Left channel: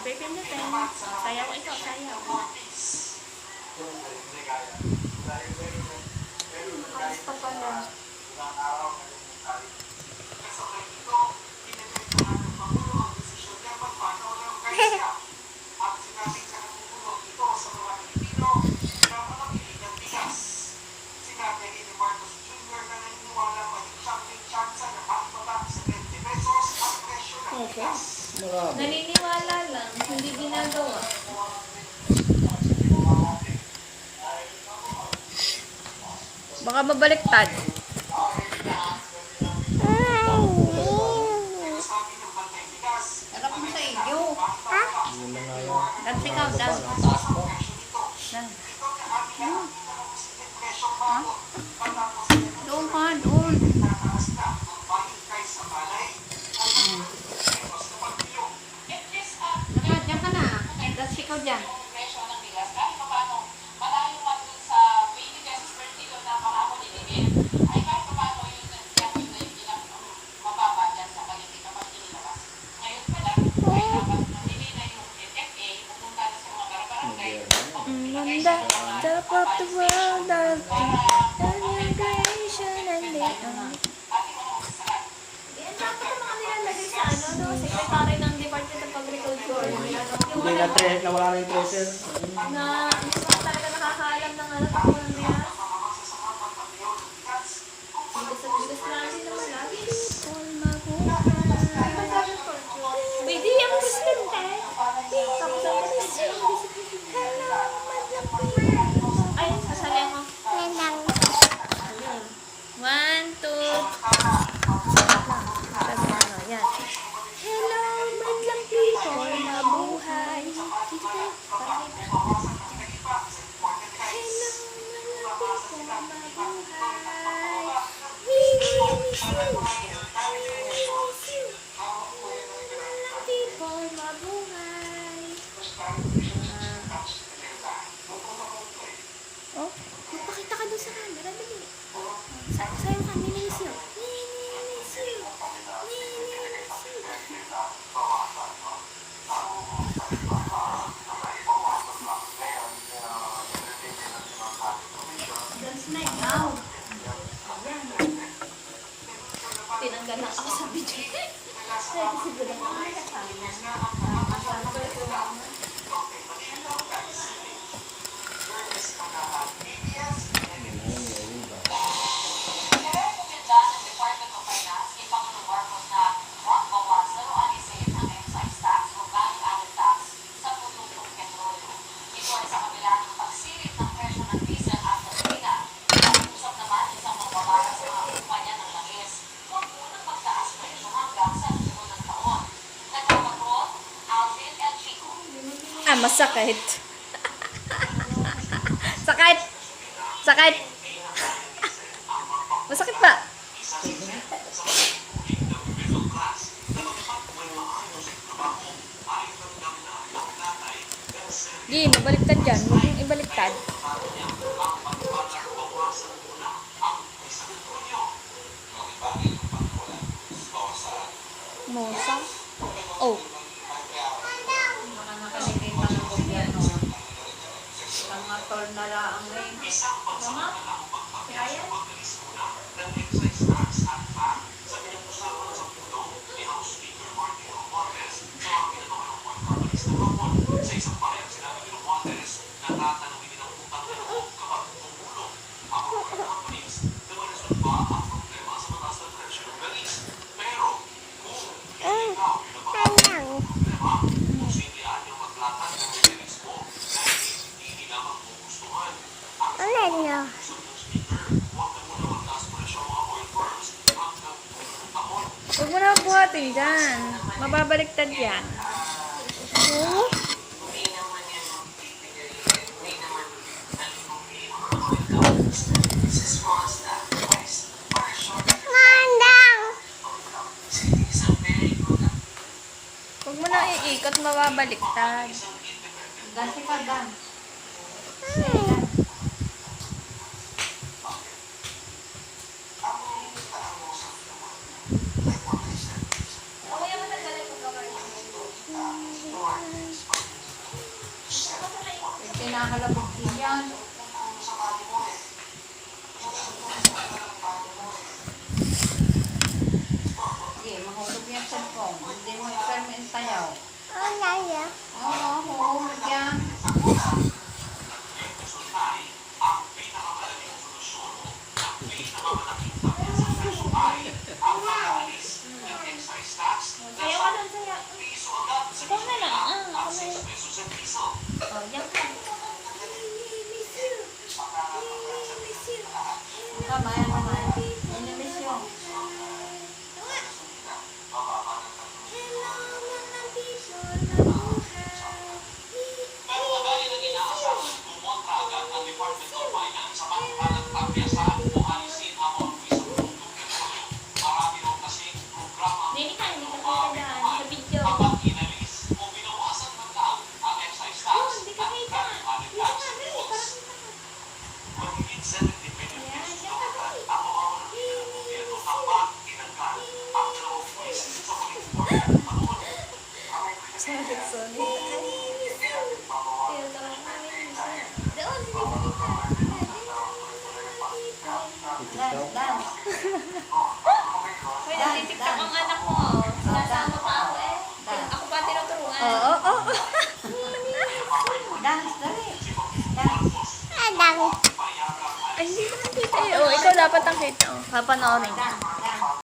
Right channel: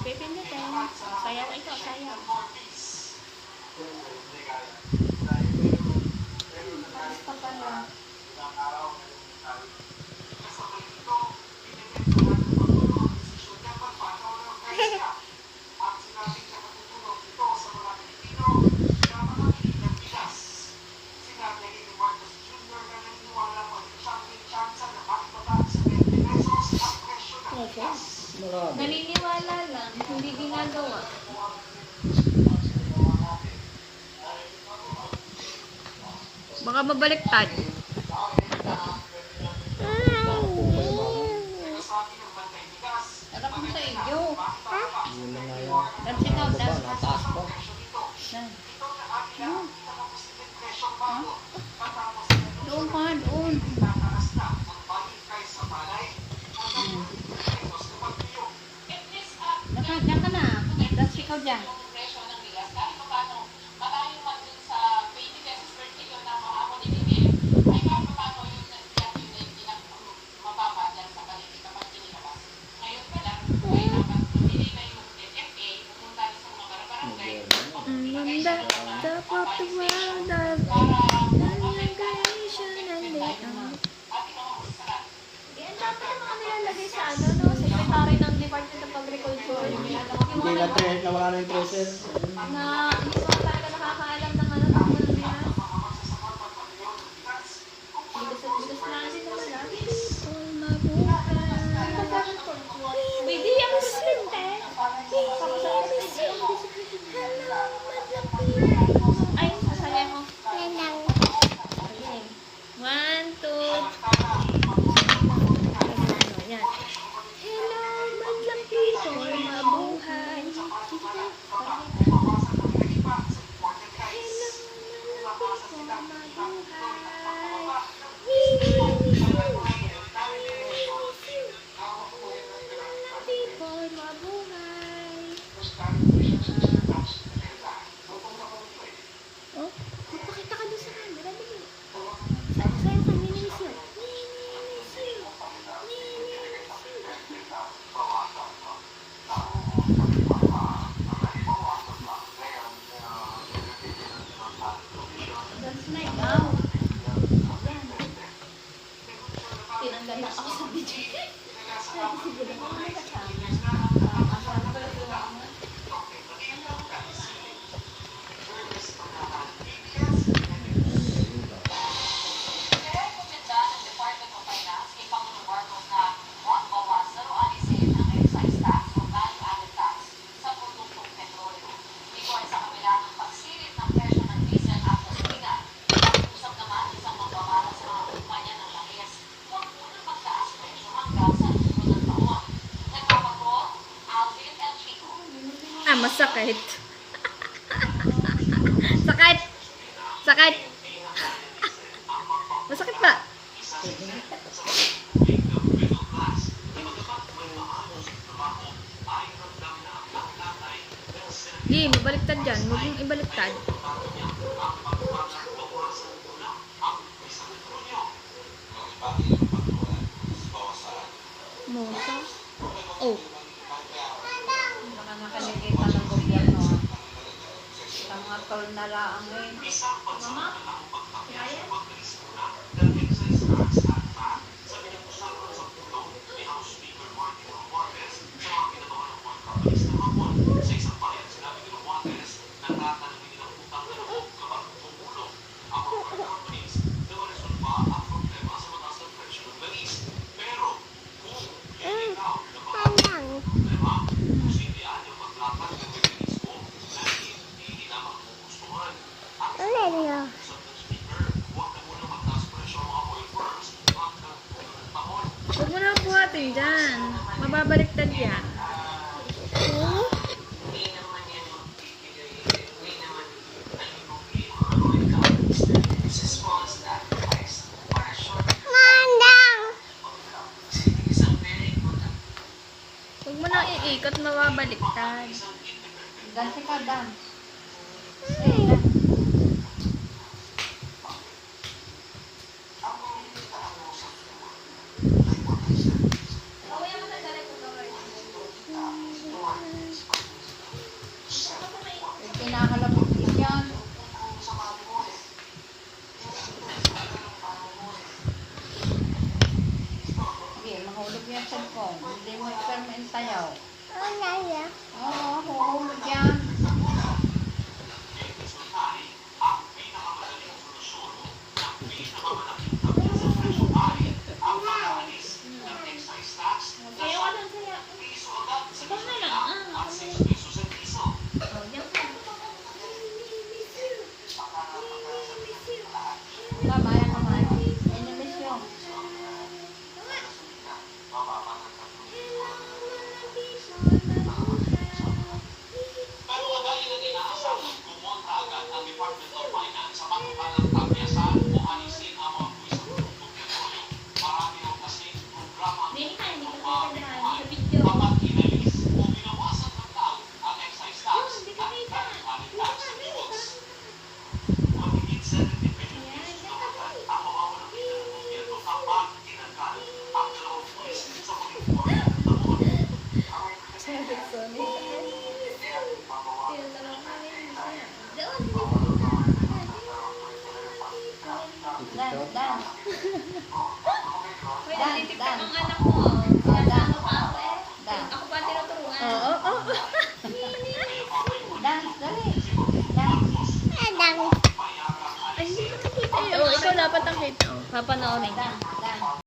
Pipindutin. Sayaw ito, sayaw. Basta pala. Naniniwala lang, hindi ginagawa. Baka mabaliktad. Harap mo sa iyo. Ha? Nagpikaw, dan. Doon ka, doon. Diyan ka na. Tapos ikaw dyan. Top of the world, nation and the secretary ng Department of Agriculture. Hindi na nawala na yung tracer. Na hindi ko talaga nakakaalam ng ano kung ano yan. Bigas natin na wala. Hindi yung presidente. Tapos ang presidente. Ay, sasali mo. One, two. Hello, madlang people, mabuhay. Hello, madlang people, mabuhay. We miss you. Madlang people, mabuhay. Oh, magpakita ka doon sa camera, dali. Sayo ka, nininis yun. Nininis yun. Nininis yun. Dance na ikaw. Yan. Tinanggal lang ako sa video. Kaya siguro na ako nakasama. Masakit. Sakit. Sakit. Masakit pa. Di, nabaliktad dyan. Huwag yung ibaliktad. Mosa. Oh. Turn na lang eh. Mama? Kaya? Huwag mo na buhatin dyan. Mababaliktad yan. Huwag mo na iikot, mababaliktad. Ganso ka, Dan. hinahalapit ko yan. Sige, mahulog yan sa cellphone. Hindi mo i-permit tayo. Oo, mahulog yan. Kaya ka doon sa'yo. Ikaw na lang. Ako na yun. Oh, yan ka. Tama yan naman. Inilis yun. Hindi ka kita dyan. Sa video. Oh, hindi ka kita. Dito ka, dali. Para kita ka. Ayan, yan ka, dali. Dan, dan. Hoy, natitiktak ang anak mo. Sinasama pa ako eh. Ako pa tinuturuan. Oo. Dance, dali. Dance. Ay, hindi mo nakita. Oh, ikaw dapat ang kita. Papanoorin.